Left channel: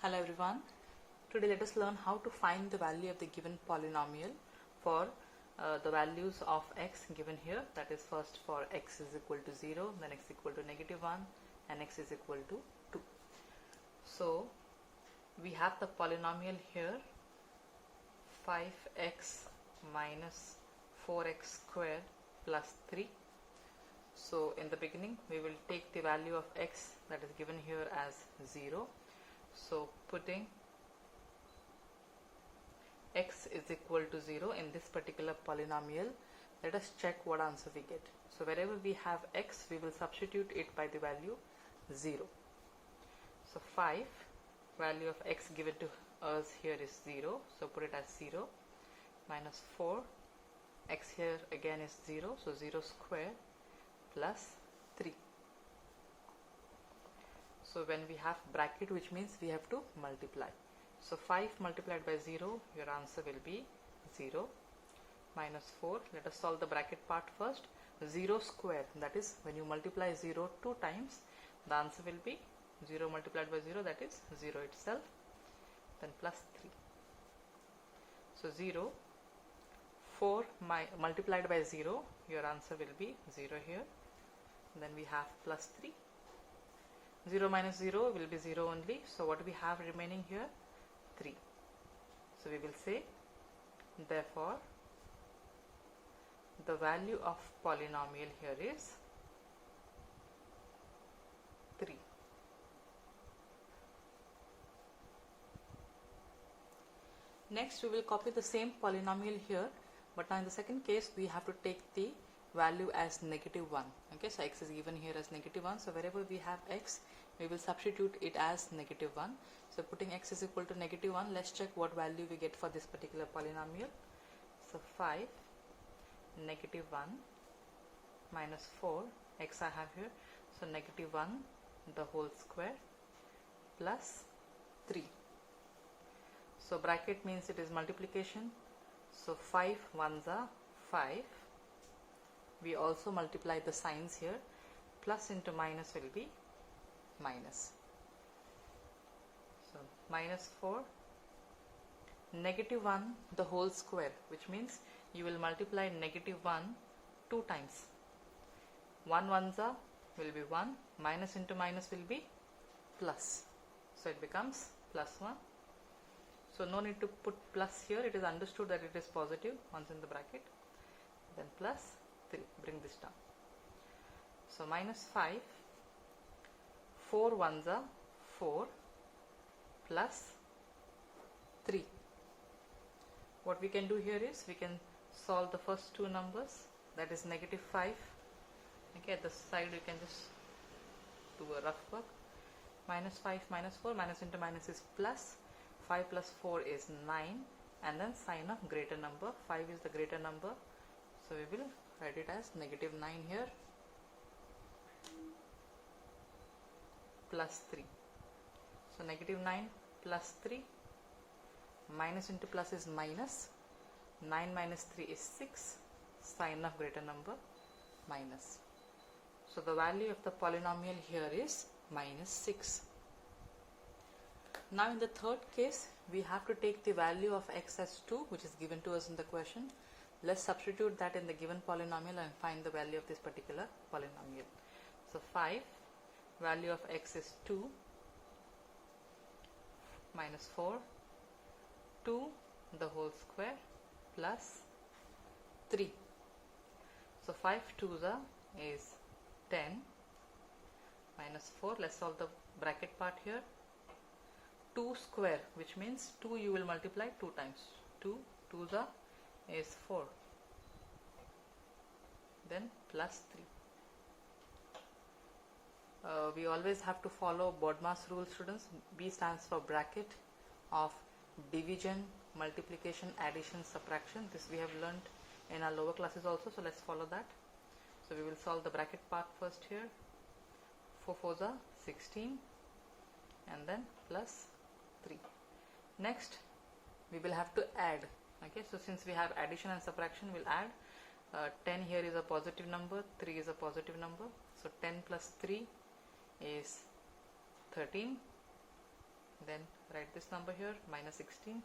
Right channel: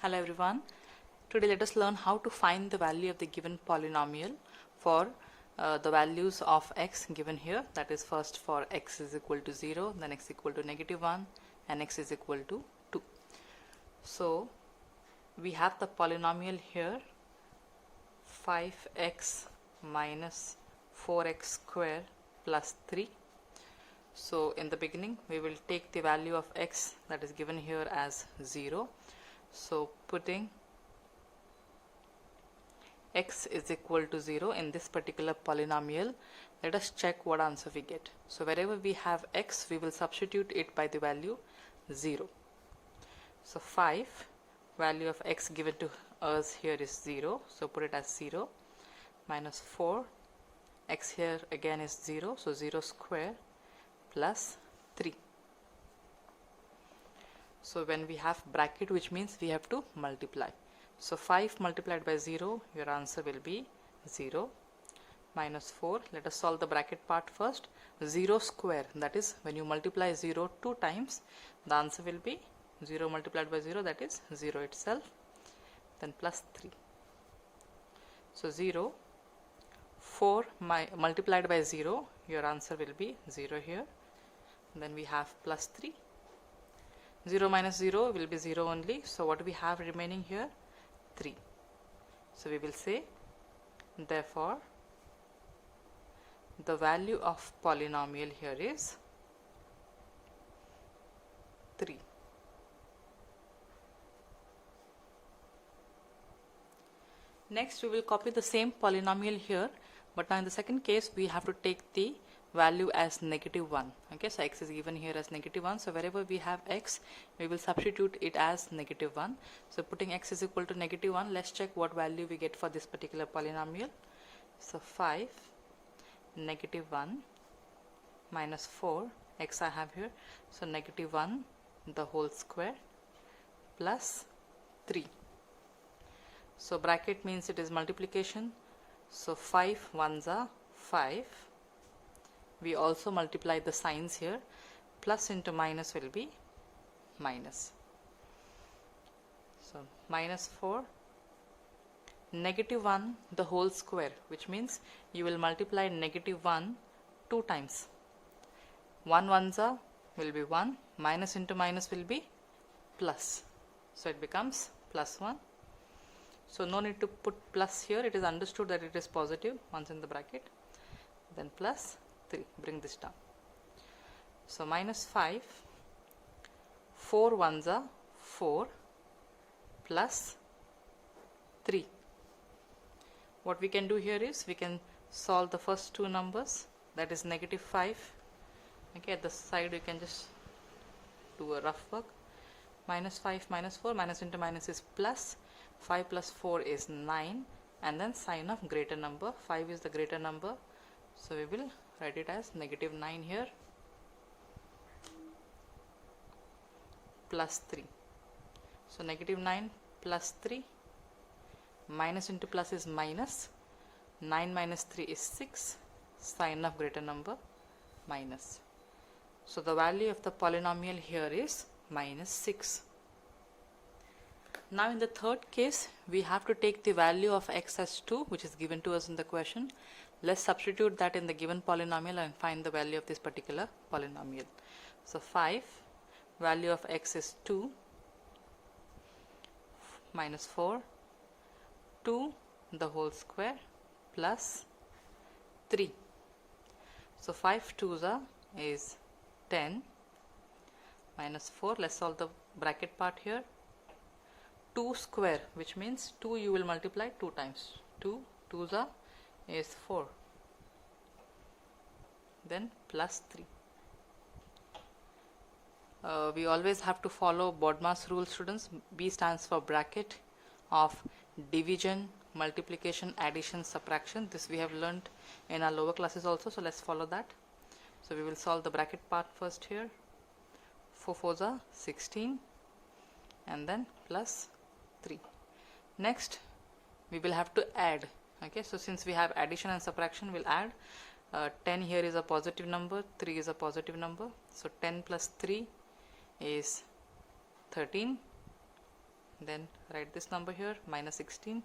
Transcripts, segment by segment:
Hello everyone. Today let us learn how to find the value of the given polynomial for the values of x given here. That is, first for x is equal to 0, then x equal to -1 and x is equal to 2. So we have the polynomial here 5x minus 4x square plus 3. So in the beginning we will take the value of x that is given here as 0. So putting x is equal to 0 in this particular polynomial, let us check what answer we get. So wherever we have x, we will substitute it by the value 0. So 5, value of x given to us here is 0, so put it as 0, minus 4, x here again is 0, so 0 square plus 3. So when we have bracket, which means we have to multiply. So 5 multiplied by 0, your answer will be 0, minus 4. Let us solve the bracket part first. 0 square, that is when you multiply 0 two times, the answer will be 0 multiplied by 0, that is 0 itself, then plus 3. So 0, 4 multiplied by 0, your answer will be 0 here. And then we have plus 3. 0 minus 0 will be 0 only. So what we have remaining here? 3. So we will say, therefore, the value of polynomial here is 3. Next, we will copy the same polynomial here, but now in the second case, we have to take the value as -1. Okay, so x is given here as -1. So wherever we have x, we will substitute it as -1. So putting x is equal to -1, let's check what value we get for this particular polynomial. So 5, -1 minus 4, x I have here, so -1 the whole square plus 3. So bracket means it is multiplication. So 5 ones are 5. We also multiply the signs here. Plus into minus will be minus. So minus 4, -1 the whole square, which means you will multiply -1 two times. 1 ones are will be 1, minus into minus will be plus. So it becomes plus 1. So no need to put plus here, it is understood that it is positive once in the bracket. Then plus 3, bring this down. So minus 5, 4 ones are 4 plus 3. What we can do here is we can solve the first two numbers, that is -5. Okay, at the side you can just do a rough work. Minus 5 minus 4, minus into minus is plus. 5 plus 4 is 9, and then sign of greater number. 5 is the greater number, so we will write it as -9 here, plus 3. So -9 plus 3, minus into plus is minus. 9 minus 3 is 6, sign of greater number minus. So the value of the polynomial here is -6. Now in the third case, we have to take the value of x as 2, which is given to us in the question. Let's substitute that in the given polynomial and find the value of this particular polynomial. So 5, value of x is 2, minus 4, 2 the whole square plus 3. So 5 2s is 10, minus 4, let's solve the bracket part here. 2 square, which means 2 you will multiply 2 times. 2 2s is 4. Then plus 3. We always have to follow BODMAS rule, students. B stands for bracket of division, multiplication, addition, subtraction. This we have learned in our lower classes also, so let's follow that. So we will solve the bracket part first here. 4 4s are 16, and then plus 3. Next we will have to add. Okay, so since we have addition and subtraction, we'll add. 10 here is a positive number, 3 is a positive number, so 10 plus 3 is 13, then write this number here, minus 16.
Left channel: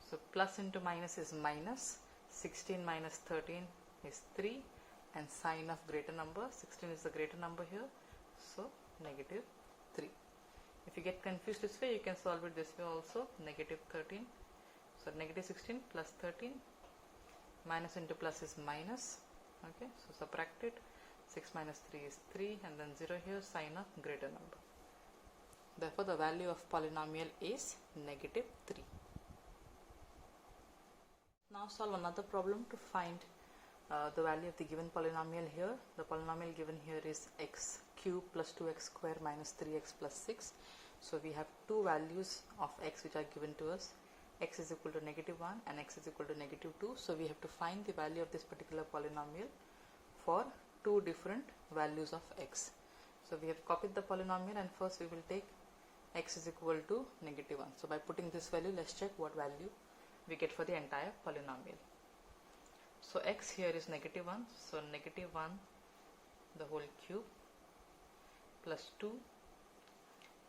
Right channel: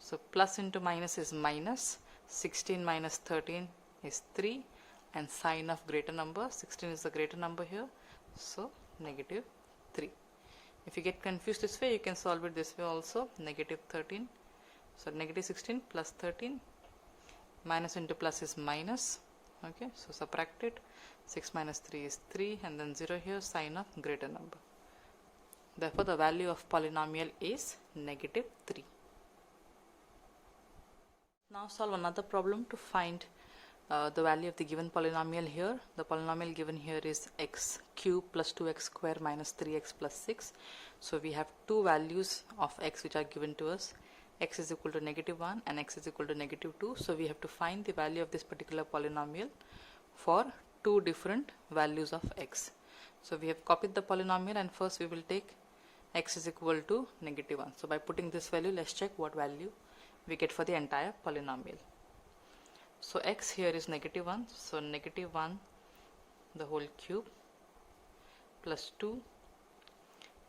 So plus into minus is minus, 16 minus 13 is 3, and sign of greater number, 16 is the greater number here, so negative 3. If you get confused this way, you can solve it this way also, negative 13. So negative 16 plus 13, minus into plus is minus, okay, so subtract it, 6 minus 3 is 3, and then 0 here, sign of greater number. Therefore, the value of polynomial is negative 3. Now solve another problem to find the value of the given polynomial here. The polynomial given here is x cube plus 2x square minus 3x plus 6. So we have two values of x which are given to us. X is equal to negative 1 and x is equal to negative 2. So we have to find the value of this particular polynomial for two different values of x. So we have copied the polynomial, and first we will take x is equal to negative 1. So by putting this value, let's check what value we get for the entire polynomial. So x here is negative 1, so negative 1 the whole cube plus 2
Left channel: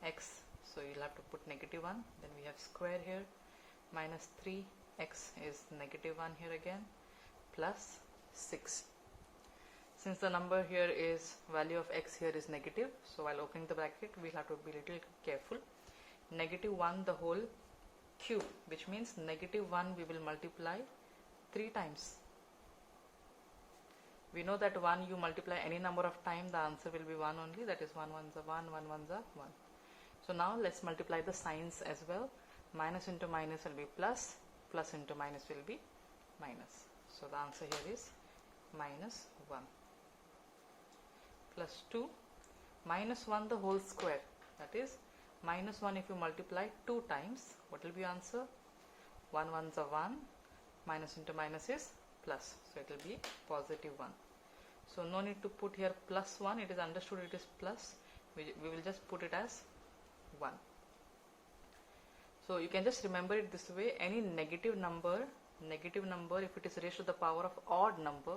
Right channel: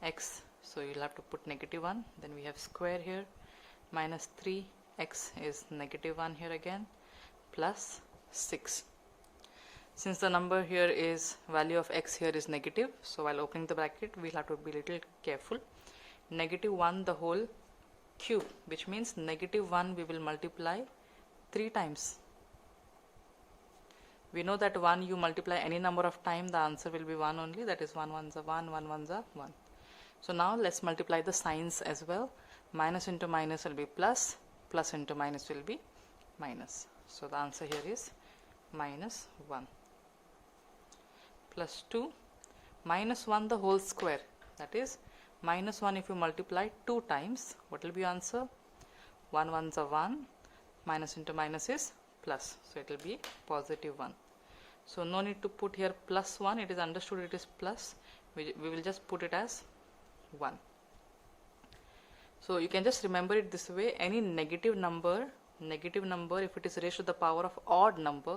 x, so you'll have to put negative 1, then we have square here, minus 3 x is negative 1 here again, plus 6. Since the number here is, value of x here is negative, so while opening the bracket we'll have to be little careful. Negative 1 the whole cube, which means negative 1 we will multiply 3 times. We know that 1 you multiply any number of times, the answer will be 1 only, that is 1 ones are 1, 1 ones are 1. So now let's multiply the signs as well. Minus into minus will be plus, plus into minus will be minus. So the answer here is minus 1. Plus 2, minus 1 the whole square, that is minus 1 if you multiply 2 times, what will be answer? 1 ones are 1, minus into minus is plus, so it will be positive 1. So no need to put here plus 1, it is understood it is plus, we will just put it as 1. So you can just remember it this way, any negative number if it is raised to the power of odd number,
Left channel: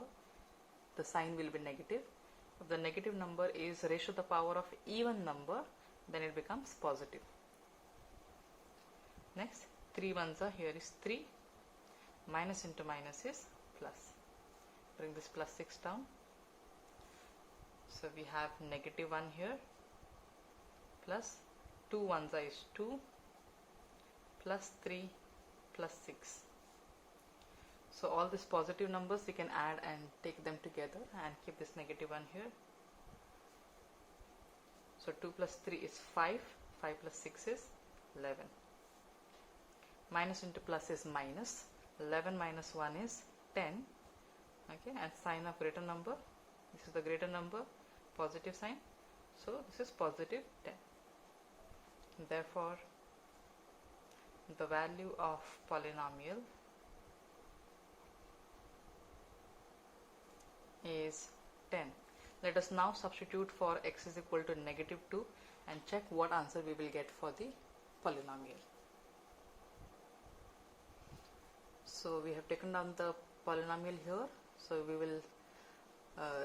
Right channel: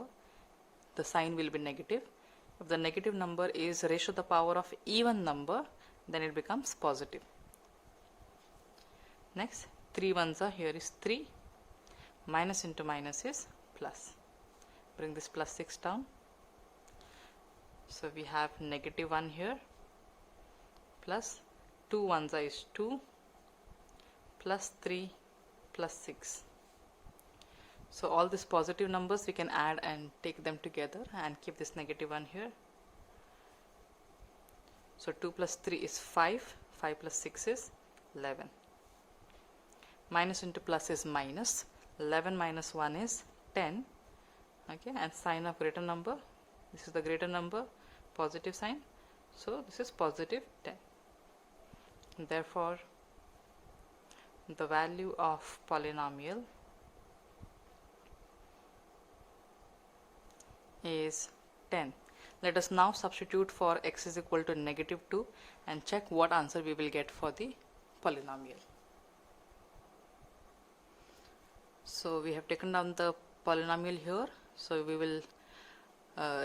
the sign will be negative. If the negative number is raised to the power of even number, then it becomes positive. Next, 3 ones are, here is 3, minus into minus is plus. Bring this plus 6 down. So we have negative 1 here, plus 2 ones are is 2, plus 3, plus 6. So all these positive numbers we can add and take them together and keep this negative 1 here. So 2 plus 3 is 5, 5 plus 6 is 11. Minus into plus is minus, 11 minus 1 is 10, okay, and sign of greater number, this is the greater number, positive sign, so this is positive 10. Therefore, the value of polynomial is 10. Let us now substitute for x is equal to negative 2 and check what answer we will get for the polynomial. So we have taken down the polynomial here, so we will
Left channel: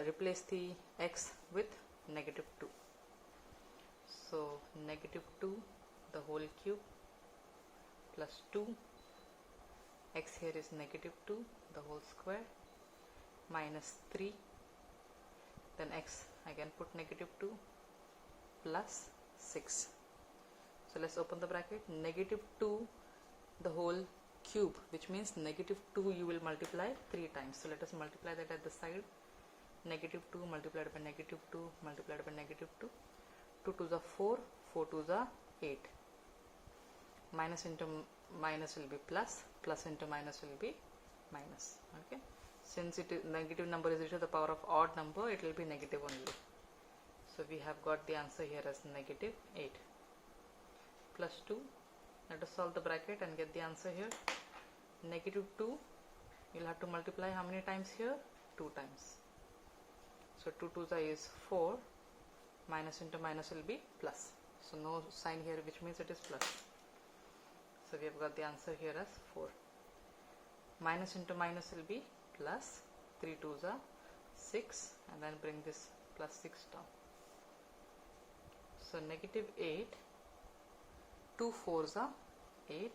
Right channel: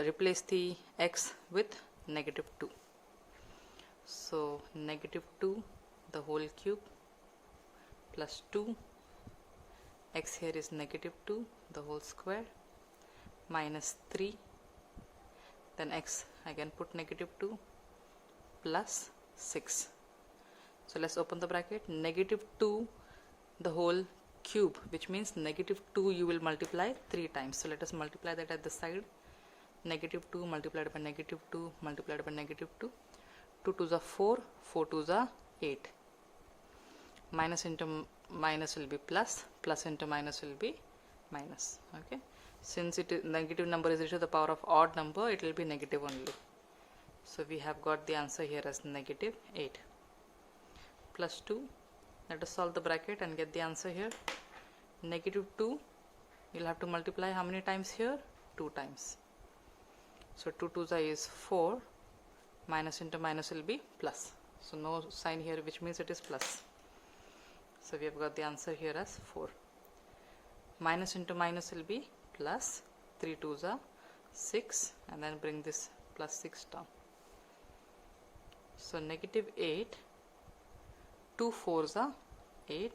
replace the x with negative 2. So negative 2 the whole cube plus 2, x here is negative 2 the whole square, minus 3, then x again put negative 2 plus 6. So let's open the bracket, negative 2 the whole cube, which means negative 2 you will multiply 3 times. So let us multiply that at the side, negative 2 multiplied by negative 2 multiplied by negative 2, 2 2s are 4, 4 2s are 8. Minus into minus will be plus, plus into minus will be minus, okay. Since it is negative number is to the power of odd number, it will be negative only. So we have got the answer here as negative 8. Plus 2, let us solve the bracket and get the answer here. Negative 2, you will have to multiply how many times here? 2 times. So 2 2s is 4, minus into minus will be plus. So no sign here, which means it is plus. So we have got the answer here as 4. Minus into minus will be plus, 3 2s are 6, and then bring this plus 6 down. So negative 8 2 4s are 8.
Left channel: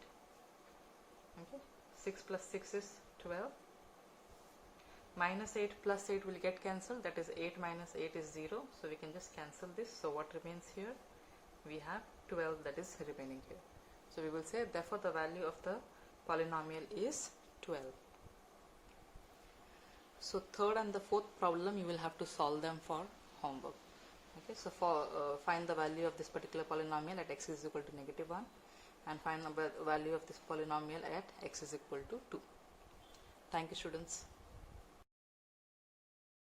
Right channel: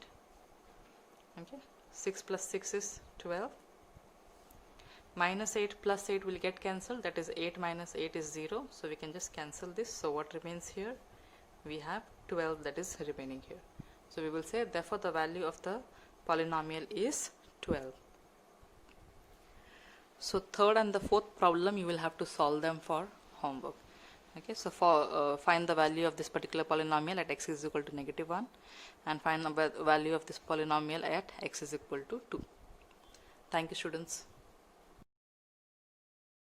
Okay, 6 plus 6 is 12. Minus 8 plus 8 will get cancelled, that is 8 minus 8 is 0, so we can just cancel this. So what remains here? We have 12 that is remaining here. So we will say therefore the value of the polynomial is 12. So third and the fourth problem you will have to solve them for homework. Okay, so for find the value of this particular polynomial at x is equal to -1 and find the value of this polynomial at x is equal to 2. Thank you, students.